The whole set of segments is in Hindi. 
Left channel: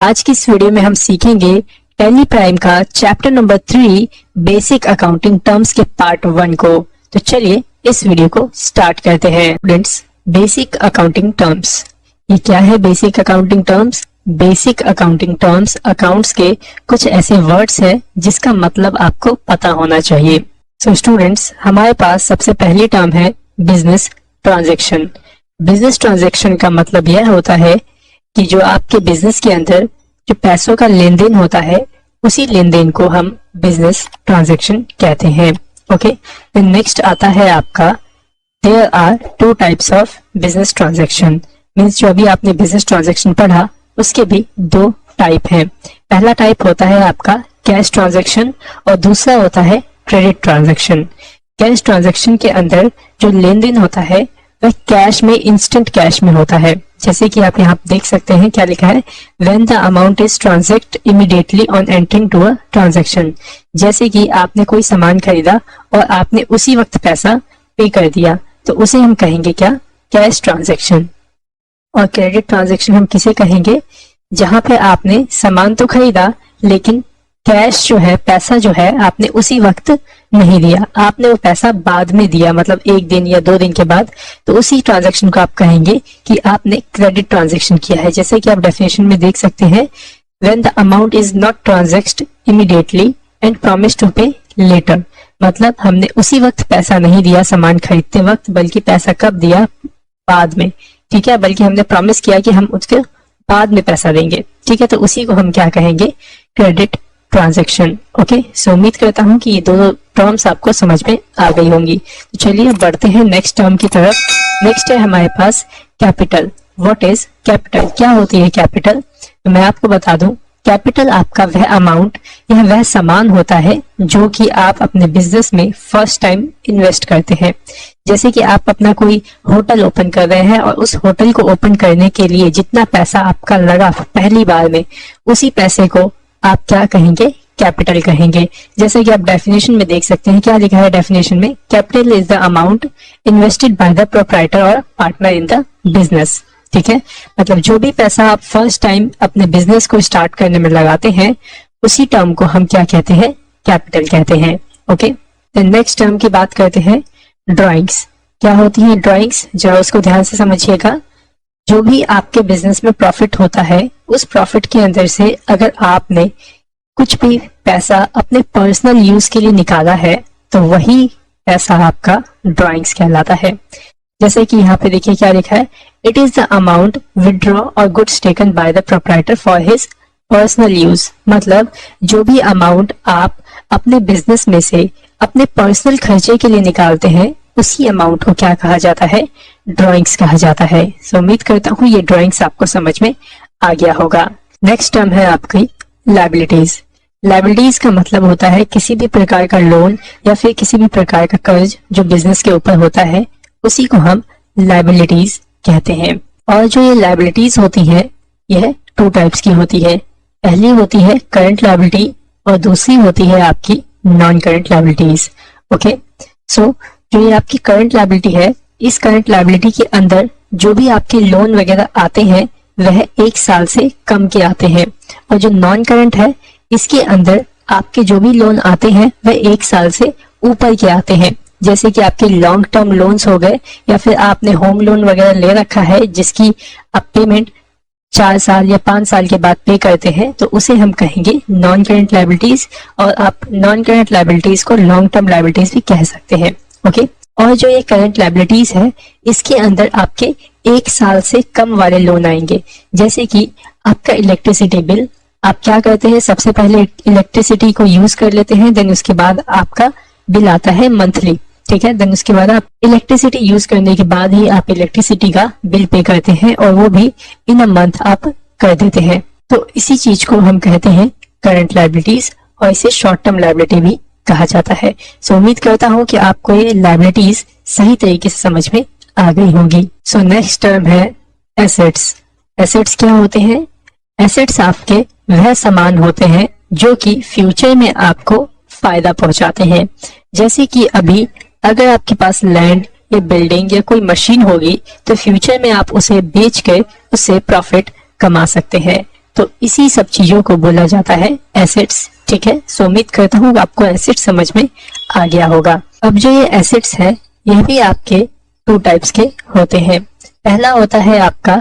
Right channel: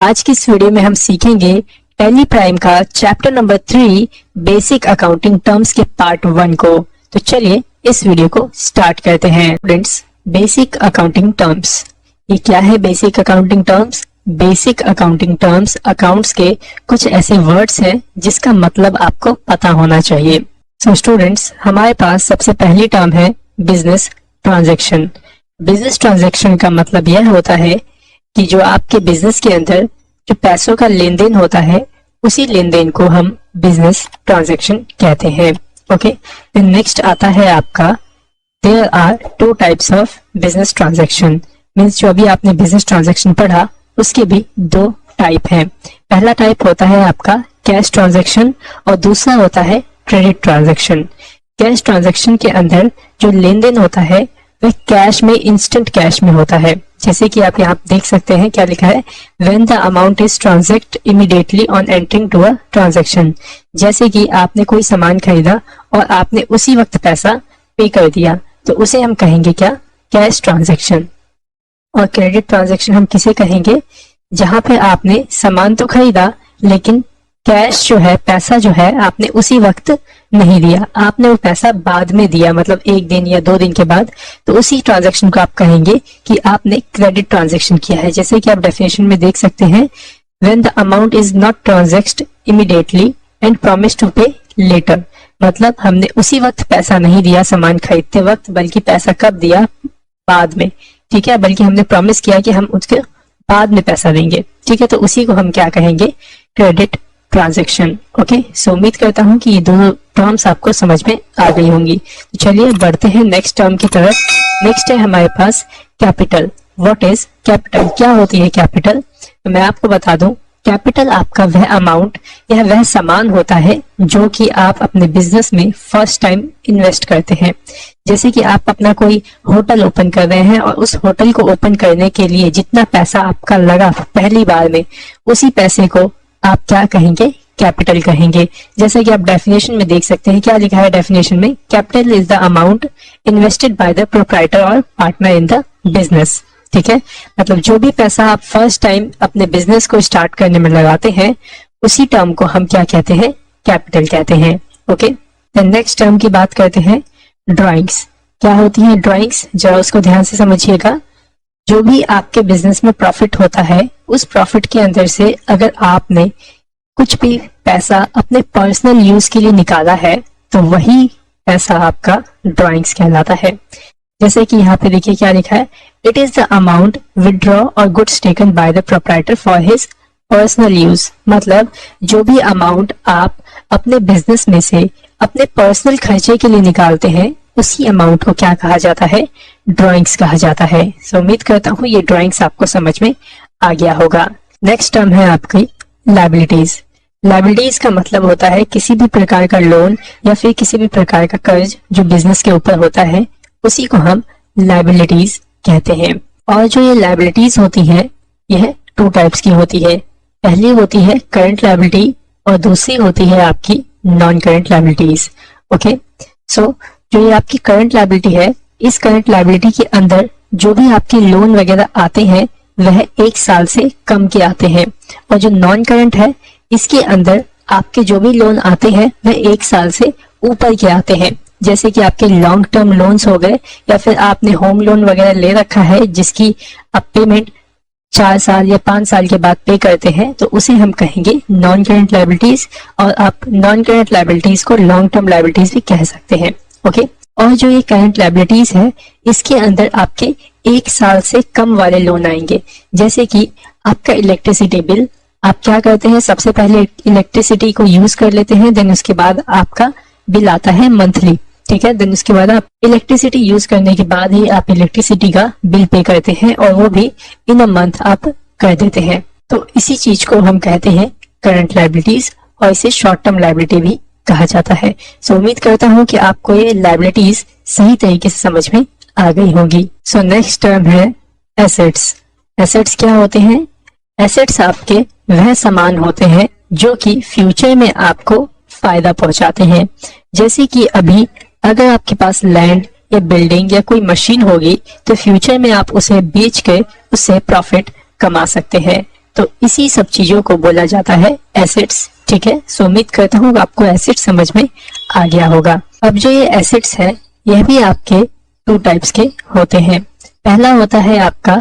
आज की इस वीडियो में हम सीखेंगे टैली प्राइम का chapter number 3 basic accounting terms के पार्ट 1 को। तो चलिए इस वीडियो को स्टार्ट करते हैं। स्टूडेंट्स, बेसिक अकाउंटिंग टर्म्स, ये क्या है? Basic accounting terms, basic accounting terms accounts के कुछ ऐसे वर्ड्स हैं जिसका मतलब आपको पता होना चाहिए। सो स्टूडेंट्स, हमारे पास सबसे पहली टर्म है बिजनेस ट्रांजैक्शन। बिजनेस ट्रांजैक्शन का मतलब यह होता है कि जो आपके बिजनेस के अंदर जो पैसों का लेन देन होता है उसी लेन देन को हम बिजनेस ट्रांजैक्शन कहते हैं। ओके, नेक्स्ट आता है आपका there are two types of business transaction. Means जो अभी आपने बिजनेस ट्रांजैक्शन पढ़ा उसके भी दो टाइप है। पहला टाइप होता है आपका कैश ट्रांजैक्शन और दूसरा होता है क्रेडिट ट्रांजैक्शन। कैश ट्रांजैक्शन के अंदर जो लेन देन होता है वह कैश में, इंस्टेंट कैश में होता है। जैसे कि आप यहाँ देख सकते हैं क्या लिखा है, when the amount is transact immediately on entering to a transaction. जैसे कि आपने कोई सामान खरीदा और आपने उसी वक्त पैसा पे कर दिया तो उसे हम कहेंगे क्या? Cash transaction. और क्रेडिट ट्रांजैक्शन हम किसे कहेंगे? जहां पे आपने सामान तो खरीदा लेकिन कैश जो है, पैसा जो है, आपने उसी वक्त नहीं दिया, आपने वो पैसा बाद में दिया, मतलब एक दिन या 2 दिन के बाद, तो उसी ट्रांजैक्शन को आप कहेंगे कि आपने क्रेडिट ट्रांजैक्शन किया है। जैसे कि आप डेफिनेशन में देख सकते हैं, when the amount is not transact immediately and promise to pay later. मतलब हमने उसी वक्त पैसा नहीं दिया सामान खरीदते वक्त, बल्कि पैसा कब दिया? बाद में। ठीक है, बल्कि हमने प्रॉमिस किया कि हम उसके बाद में पैसा देंगे। ठीक है, तो उसी को हम क्या कहेंगे? Credit transaction. ओके, सो उम्मीद करता हूं कि ये दोनों टर्म्स आपको समझ में आ गई होंगी। चलिए बढ़ते हैं नेक्स्ट टर्म की तरफ। नेक्स्ट है हमारे पास कैपिटल। What is capital? क्या होती है कैपिटल? तो मैं आपको बता दूं, कैपिटल आपका वह अमाउंट या वह सामान होता है जो कि आप अपने बिजनेस में फर्स्ट टाइम इन्वेस्ट करते हैं। जैसे कि आप अपना कोई होटल ओपन कर रहे हैं और उस होटल को ओपन करने के लिए जितना पैसा आपका लगा पहली बार में, उसी पैसे को आप क्या कहेंगे? कैपिटल कहेंगे। जैसे कि आप डेफिनेशन में देख सकते हैं क्या लिखा है डेफिनेशन में, capital is the amount invested bye the proprietor और पार्टनर इन द बिजनेस। ठीक है, मतलब जो भी पैसा आप फर्स्ट टाइम अपने बिजनेस को स्टार्ट करने में लगाते हैं उसी टर्म को हम क्या कहते हैं? कैपिटल कहते हैं। ओके, देन नेक्स्ट टर्म की बात करते हैं, ड्राइंग्स। क्या होती है ड्राइंग्स? जरा इसको ध्यान से समझिएगा। जो भी आपके बिजनेस में प्रॉफिट होता है उस प्रॉफिट के अंदर से अगर आपने कुछ भी पैसा अपने पर्सनल यूज के लिए निकाला है तो वही पैसा आपका ड्राइंग्स कहलाता है। जैसे कि यहाँ पे देखिए क्या लिखा है, it is the amount withdraw और goods taken by the proprietor for his personal use. मतलब जो भी अमाउंट आप अपने बिजनेस में से अपने पर्सनल खर्चे के लिए निकालते हैं उसी अमाउंट को क्या कहा जाता है? ड्राइंग्स कहा जाता है। सो उम्मीद करता हूँ ये ड्राइंग्स आपको समझ में आ गया होगा। नेक्स्ट टर्म है आपकी लायबिलिटीज। लायबिलिटीज का मतलब होता है किसी भी प्रकार का लोन या फिर किसी भी प्रकार का कर्ज जो बिजनेस के ऊपर होता है उसी को हम लायबिलिटीज कहते हैं। और जो ये लायबिलिटीज होती है यह 2 टाइप्स की होती है। पहली होती है करंट लायबिलिटी और दूसरी होती है आपकी नॉन करंट लायबिलिटीज। ओके, सो जो ये आपकी करंट लायबिलिटी है, इस करंट लायबिलिटी के अंदर जो भी आपके लोन वगैरह आते हैं वह 1 साल से कम के आते हैं, और जो नॉन करंट है इसके अंदर आपके जो भी लोन आते हैं वह 1 साल से ऊपर के आते हैं। जैसे कि आपके लॉन्ग टर्म लोन्स हो गए या फिर आपने होम लोन वगैरह ले रखा है जिसकी आप पेमेंट 4 साल या 5 साल के बाद पे करते हैं तो उसे हम कहेंगे नॉन करंट लायबिलिटीज, और आप नॉन करंट लायबिलिटीज को लॉन्ग टर्म लायबिलिटीज भी कह सकते हैं। ओके, और जो ये करंट लायबिलिटीज है इसके अंदर आपके 1 साल से कम वाले लोन आएंगे। जैसे कि आपका इलेक्ट्रिसिटी बिल, आप क्या करते हैं? सबसे पहले इलेक्ट्रिसिटी को यूज कर लेते हैं, देन उसके बाद आपका बिल आता है मंथली। ठीक है, देन उसके बाद आप इलेक्ट्रिसिटी यूज करने के बाद ही आप इलेक्ट्रिसिटी का बिल पे करते हैं और वो भी इन अ मंथ आप कर देते हैं। तो इसी चीज को हम कहते हैं करंट लायबिलिटीज, और इसे शॉर्ट टर्म लायबिलिटी भी कहा जाता है। सो उम्मीद करता हूँ कि आपको ये लायबिलिटीज सही तरीके से समझ में आ गई होगी। सो नेक्स्ट टर्म है एसेट्स। एसेट्स क्या होते हैं? एसेट्स आपके वह सामान होते हैं जो कि फ्यूचर में आपको फायदा पहुंचाते हैं। जैसे कि अभी अगर आपके पास लैंड या बिल्डिंग या कोई मशीन होगी तो फ्यूचर में आप उसे बेच कर उससे प्रॉफिट कमा सकते हैं। तो इसी सब चीजों को बोला जाता है एसेट्स। ठीक है, सो उम्मीद करता हूँ आपको एसेट्स समझ में आ गया होगा। अब जो ये एसेट्स है यह भी आपके 2 टाइप्स के होते हैं। पहला होता है आपका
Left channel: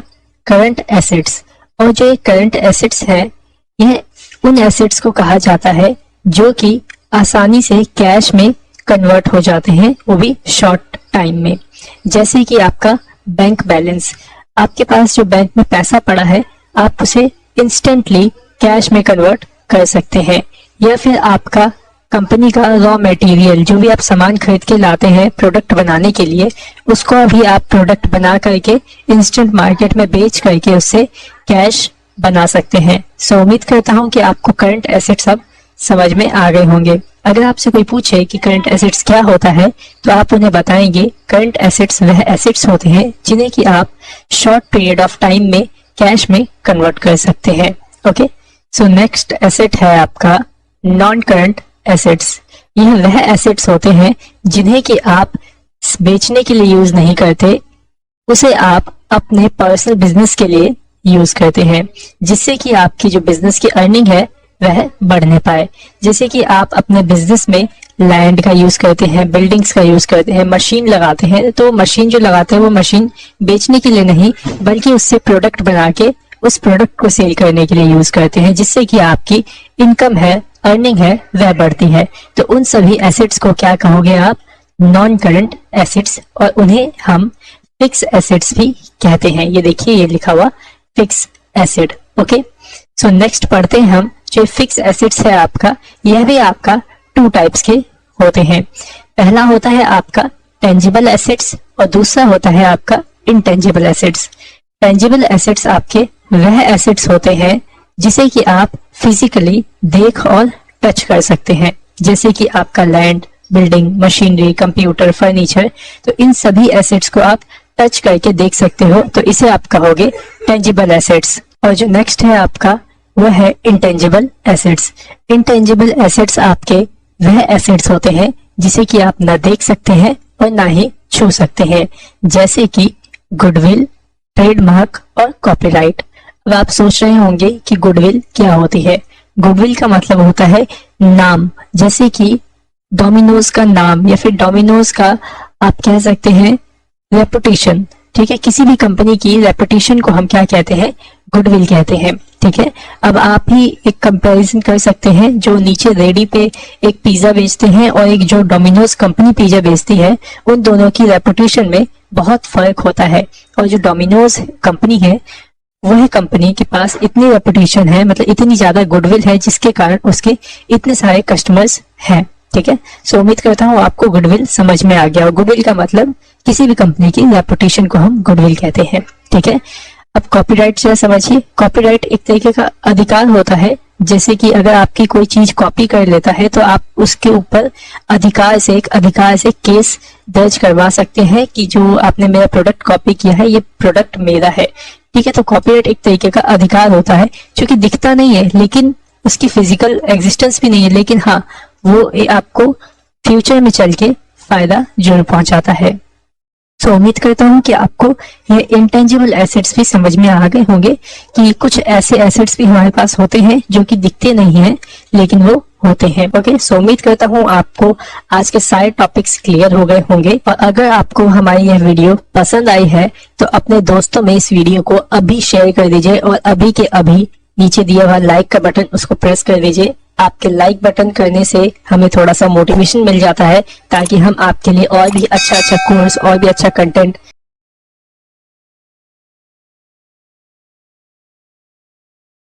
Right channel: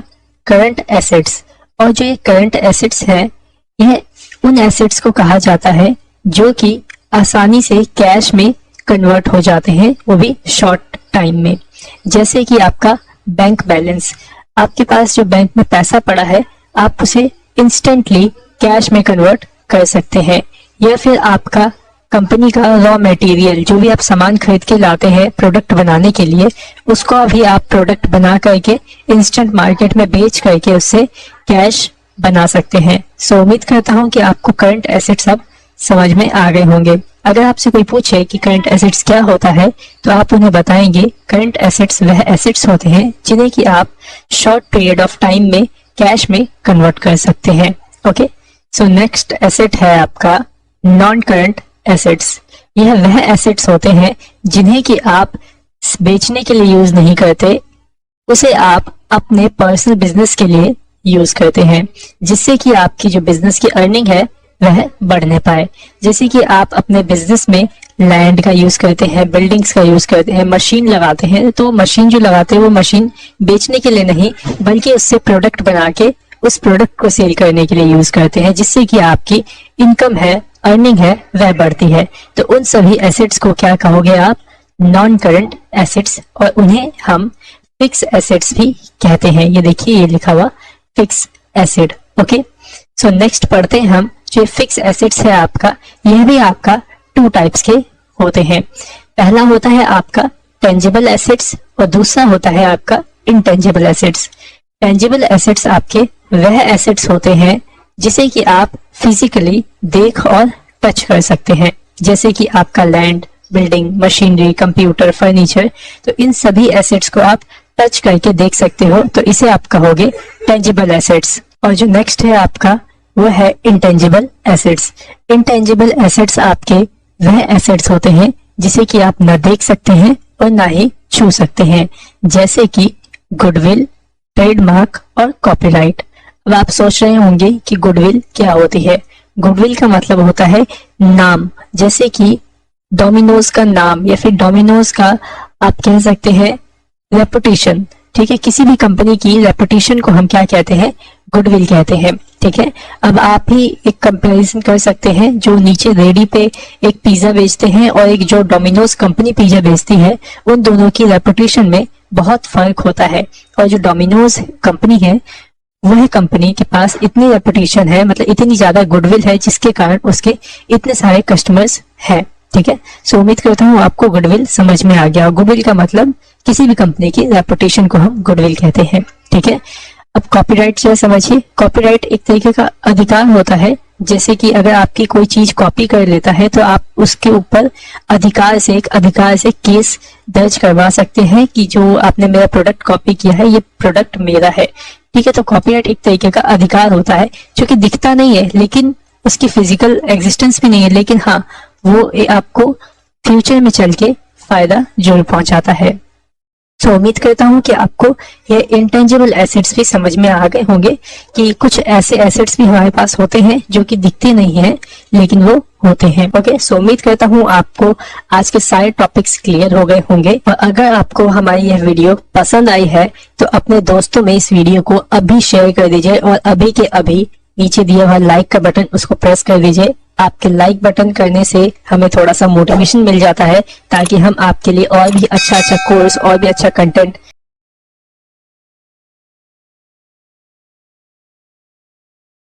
करंट एसेट्स, और जो ये करंट एसेट्स है यह उन एसेट्स को कहा जाता है जो कि आसानी से कैश में कन्वर्ट हो जाते हैं, वो भी शॉर्ट टाइम में। जैसे कि आपका बैंक बैलेंस, आपके पास जो बैंक में पैसा पड़ा है आप उसे इंस्टेंटली कैश में कन्वर्ट कर सकते हैं। या फिर आपका कंपनी का रॉ मटेरियल, जो भी आप सामान खरीद के लाते हैं प्रोडक्ट बनाने के लिए, उसको अभी आप प्रोडक्ट बना करके इंस्टेंट मार्केट में बेच करके उससे कैश बना सकते हैं। सो उम्मीद करता हूँ कि आपको करंट एसेट्स अब समझ में आ गए होंगे। अगर आपसे कोई पूछे कि करंट एसेट्स क्या होता है तो आप उन्हें बताएंगे करंट एसेट्स वह एसेट्स होते हैं जिन्हें कि आप शॉर्ट पीरियड ऑफ टाइम में कैश में कन्वर्ट कर सकते हैं। ओके, सो नेक्स्ट एसेट है आपका नॉन करंट एसेट्स। यह वह एसेट्स होते हैं जिन्हें कि आप बेचने के लिए यूज नहीं करते, उसे आप अपने पर्सनल बिजनेस के लिए यूज करते हैं, जिससे कि आपकी जो बिजनेस की अर्निंग है वह बढ़ने पाए। जैसे कि आप अपने बिजनेस में लैंड का यूज करते हैं, बिल्डिंग्स का यूज करते हैं, मशीन लगाते हैं, तो मशीन जो लगाते हैं वो मशीन बेचने के लिए नहीं बल्कि उससे प्रोडक्ट बना के उस प्रोडक्ट को सेल करने के लिए यूज करते हैं, जिससे कि आपकी इनकम है, अर्निंग है, वह बढ़ती है। तो उन सभी एसेट्स को क्या कहोगे आप? नॉन करंट एसेट्स, और उन्हें हम फिक्स एसेट्स भी कहते हैं। ये देखिए ये लिखा हुआ fix asset. Okay, so next पढ़ते हैं हम जो फिक्स एसेट्स है आपका, यह भी आपका 2 टाइप्स के होते हैं। पहला होता है आपका टेंजिबल एसेट्स और दूसरा होता है आपका इंटेंजिबल एसेट्स। टेंजिबल एसेट्स आपके वह एसेट्स होते हैं जिसे कि आप फिजिकली देख और टच कर सकते हैं, जैसे कि आपका land, building, machinery, computer, furniture. तो इन सभी एसेट्स को आप टच करके देख सकते हो, तो इसे आप कहोगे टेंजिबल एसेट्स। और जो नेक्स्ट है आपका वह है इंटेंजिबल एसेट्स। इंटेंजिबल एसेट्स आपके वह एसेट्स होते हैं जिसे कि आप ना देख सकते हैं और ना ही छू सकते हैं, जैसे कि गुडविल, ट्रेडमार्क और कॉपीराइट। अब आप सोच रहे होंगे कि गुडविल क्या होती है। गुडविल का मतलब होता है नाम, जैसे कि डोमिनोज का नाम या फिर डोमिनोज का आप कह सकते हैं रेपुटेशन। ठीक है, किसी भी कंपनी की रेपुटेशन को हम क्या कहते हैं? गुडविल कहते हैं। ठीक है, अब आप ही एक कंपैरिजन कर सकते हैं, जो नीचे रेडी पे एक पिज्जा बेचते हैं और एक जो डोमिनोज कंपनी पिज्जा बेचती है, उन दोनों की रेपुटेशन में बहुत फर्क होता है। और जो डोमिनोज कंपनी है वह कंपनी के पास इतनी रेपुटेशन है, मतलब इतनी ज्यादा गुडविल है, जिसके कारण उसके इतने सारे कस्टमर्स हैं। ठीक है, सो उम्मीद करता हूँ आपको गुडविल समझ में आ गया। गुडविल का मतलब किसी भी कंपनी की रेपुटेशन को हम गुडविल कहते हैं। ठीक है, अब कॉपीराइट से समझिए। कॉपीराइट एक तरीके का अधिकार होता है, जैसे कि अगर आपकी कोई चीज कॉपी कर लेता है तो आप उसके ऊपर एक अधिकार से केस दर्ज करवा सकते हैं कि जो आपने मेरा प्रोडक्ट कॉपी किया है, ये प्रोडक्ट मेरा है। ठीक है, तो कॉपीराइट एक तरीके का अधिकार होता है जो कि दिखता नहीं है, लेकिन उसकी फिजिकल एग्जिस्टेंस भी नहीं है, लेकिन हाँ वो आपको फ्यूचर में चल के फायदा जरूर पहुंचाता है। तो उम्मीद करता हूँ कि आपको ये इंटेंजिबल एसेट्स भी समझ में आ गए होंगे कि कुछ ऐसे एसेट्स भी हमारे पास होते हैं जो कि दिखते नहीं हैं लेकिन वो होते हैं। ओके, सो उम्मीद करता हूँ आपको आज के सारे टॉपिक्स क्लियर हो गए होंगे। और अगर आपको हमारी यह वीडियो पसंद आई है तो अपने दोस्तों में इस वीडियो को अभी शेयर कर दीजिए और अभी के अभी नीचे दिया हुआ लाइक का बटन उसको प्रेस कर दीजिए। आपके लाइक बटन करने से हमें थोड़ा सा मोटिवेशन मिल जाता है, ताकि हम आपके लिए और भी अच्छा कोर्स और भी अच्छा कंटेंट